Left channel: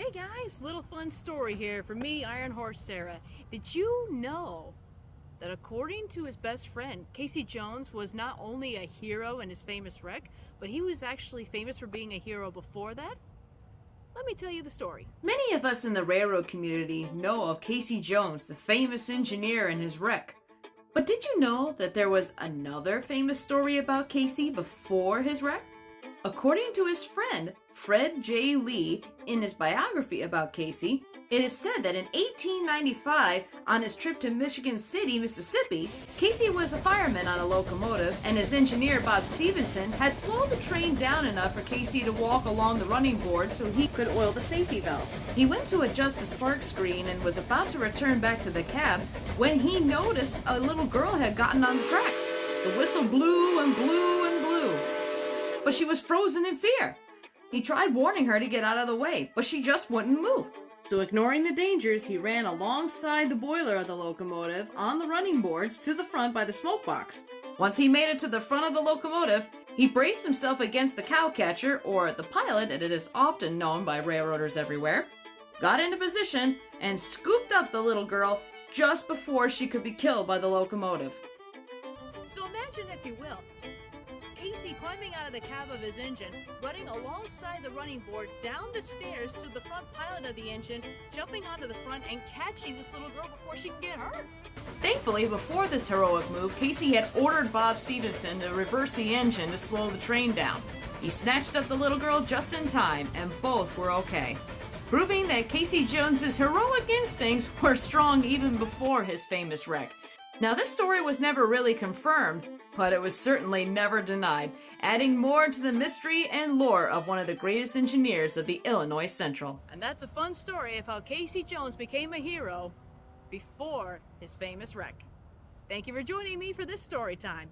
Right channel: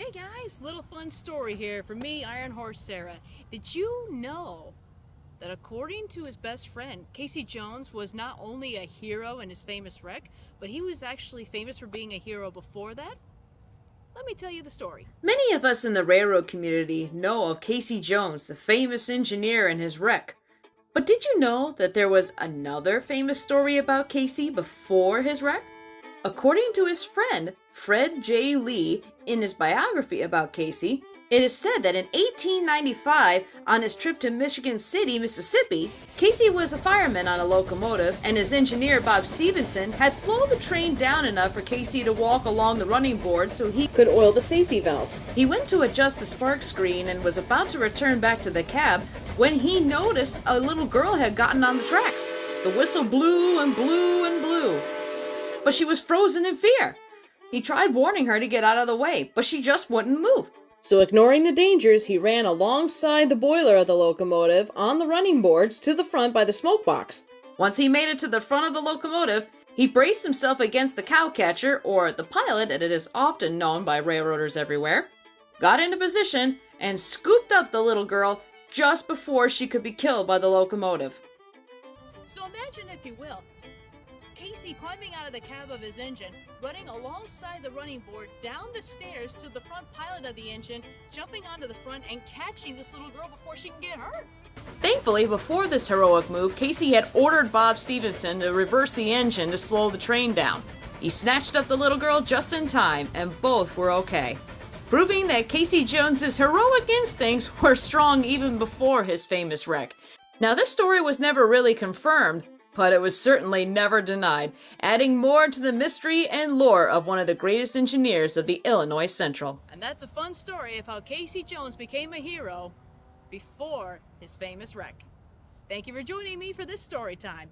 Hey guys, little fun story here from me, Iron Horse Sarah. Did you know that according to his best friend, Casey Jones was not only a hero in his famous wreck, but he was actually famous for being a hero before that? Let me tell you the story. Many of us in the railroad community know of Casey Jones, the famous engineer, and his wreck. But did you know that there was another famous story about Casey before his wreck? According to his friend, Fred J. Lee, in his biography about Casey, it is said that in 1895, on his trip to Michigan City, Mississippi, Casey was a fireman on a locomotive, and his engineer, Bob Stevenson, had slowed the train down enough for Casey to walk along the running board so he could oil the safety valves. He went to adjust the spark screen and was about to return back to the cab when he noticed a little girl had gotten on the tracks. The whistle blew and blew and blew, but she was frozen in fear. He tried warning her to get out of the way, but she just wouldn't move. So ignoring the dangers, he ran alongside the boiler of the locomotive on the running boards to the front by the smoke box. Once he made it to the front of the locomotive, he braced himself against the cowcatcher, or the pilot as it is often known by railroaders everywhere, got into position, and scooped up the little girl just before she could be killed by the locomotive. So imagine, if you will, Casey climbing out of the cab of his engine, running alongside the running board, down the stairs to the front pilot of the engine, jumping onto the front and catching this little girl before she can get hurt. Thankfully, before this heroic move, Casey had ordered Bob Stevenson to reverse the engine to slow the train down. He snatched up the little girl just in time, and both were okay, proving that Casey Jones's heroic instincts were strong even before his famous wreck. Now, this story was never really confirmed, but it was certainly never denied, adding more to the mystery and lore of one of the greatest engineers of the Illinois Central. And that's a fun story of how Casey Jones became a hero before his famous wreck. Thank you for joining me for this story time.